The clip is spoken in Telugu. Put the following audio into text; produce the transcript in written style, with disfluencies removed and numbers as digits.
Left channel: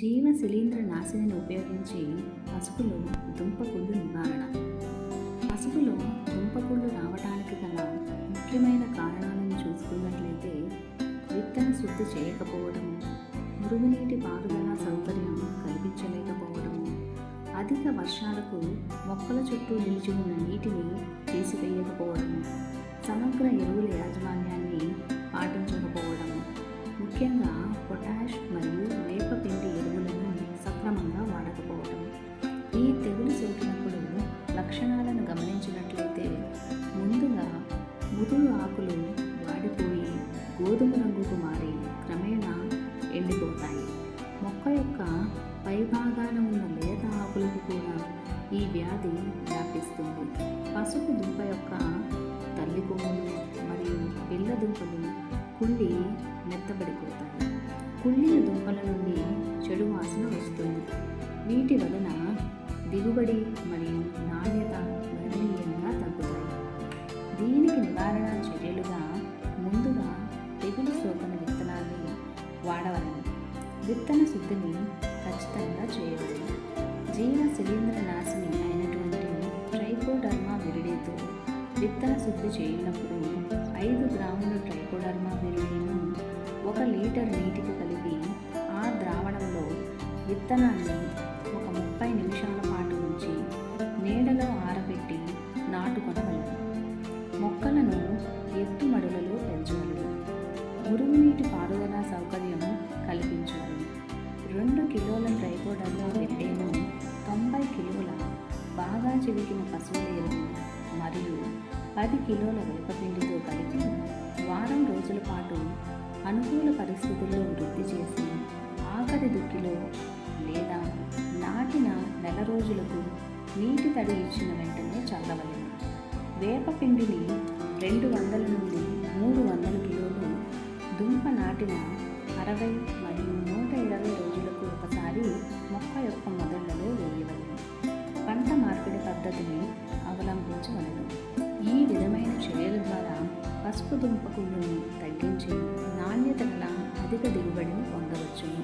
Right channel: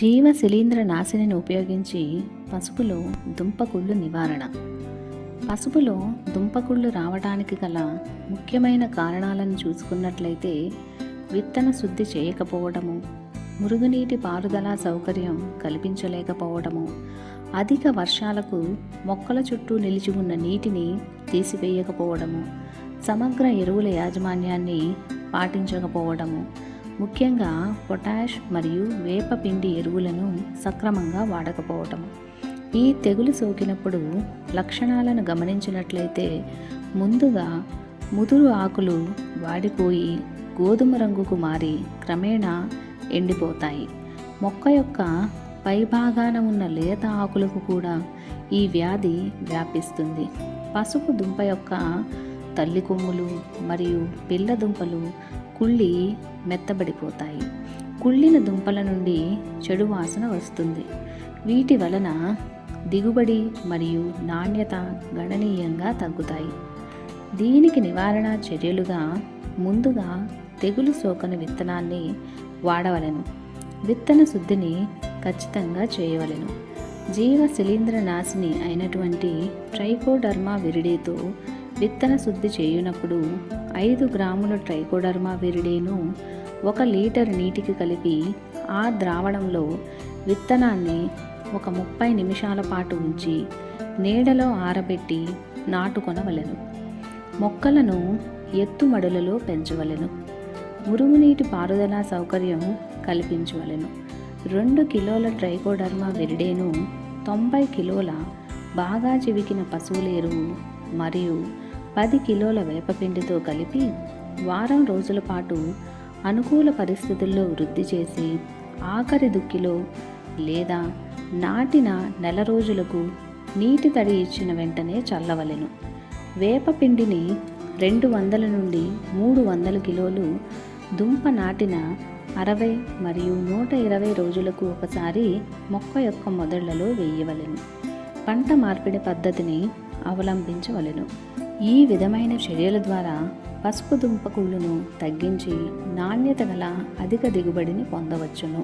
జీవ శిలీంద్ర నాశినిని ఉపయోగించి పసుపులో దుంపకుళ్ళు నివారణ. పసుపులో దుంపకుళ్ళు రావడానికి గల ముఖ్యమైన కారణాలను చూసుకున్నట్లయితే విత్తన శుద్ధి చేయకపోవడము, మురుగునీటి పారుదల సౌకర్యం కల్పించలేకపోవడము, అధిక వర్షాలకు మొక్కల చుట్టూ నిలిచి ఉన్న నీటిని తీసివేయకపోవడము, సమగ్ర ఎరువుల యాజమాన్యాన్ని పాటించకపోవడము, ముఖ్యంగా పొటాష్ మరియు వేపపిండి ఎరువులను సక్రమంగా వాడకపోవటం. ఈ తెగులు సోకినప్పుడు లక్షణాలను గమనించినట్లయితే ముందుగా ముదురు ఆకులు వాడిపోయి గోధుమ రంగుకు మారి క్రమేణా ఎండిపోతాయి. మొక్క యొక్క పైభాగాన ఉన్న లేత ఆకులకు కూడా ఈ వ్యాధి వ్యాపిస్తుంది. పసుపు దుంప యొక్క తల్లి కొమ్ములు మరియు పిల్ల దుంపలు కుళ్ళి మెత్తబడిపోతాయి. కుళ్ళిన దుంపల నుండి చెడు వాసన వస్తుంది. వీటి వలన దిగుబడి మరియు నాణ్యత గణనీయంగా తగ్గుతాయి. దీనికి నివారణ చర్యలుగా ముందుగా తెగులు సోకని విత్తనాన్ని వాడవలెను. విత్తన శుద్ధిని ఖచ్చితంగా చేయవలెను. జీవ శిలీంద్ర నాశిని అయినటువంటి ట్రైకోడర్మా విరిడితో విత్తన శుద్ధి చేయునప్పుడు 5 గ్రాముల ట్రైకోడర్మా విరిడిను 1 లీటర్ నీటికి కలిపి ఆ ద్రావణంలో విత్తనాన్ని ఒక 30 నిమిషాల పాటు ఉంచి నీడలో ఆరబెట్టి నాటుకొనవలెను. మొక్కలను ఎత్తుమడులలో పెంచవలెను. మురుగునీటి పారుదల సౌకర్యం కల్పించవలెను. 2 కిలోల ట్రైకోడర్మా విరిడేను 90 కిలోల బాగా చివికిన పశువుల ఎరువు మరియు 10 కిలోల వేపపిండితో కలిపి వారం రోజుల పాటు అనుకూల పరిస్థితుల్లో వృద్ధి చేసి ఆఖరి దుక్కిలో లేదా నాటిన నెల రోజులకు నీటి తడి ఇచ్చిన వెంటనే చల్లవలెను. వేపపిండిని 200 నుండి 300 కిలోలు దుంప నాటిన 60 మరియు 120 రోజులకు ఒకసారి మొక్క యొక్క మొదళ్లలో వేయవలెను. పంట మార్పిడి పద్ధతిని అవలంబించవలెను. ఈ విధమైన చర్యల ద్వారా పసుపు దుంప కుళ్ళును తగ్గించి నాణ్యత గల అధిక దిగుబడిని పొందవచ్చును.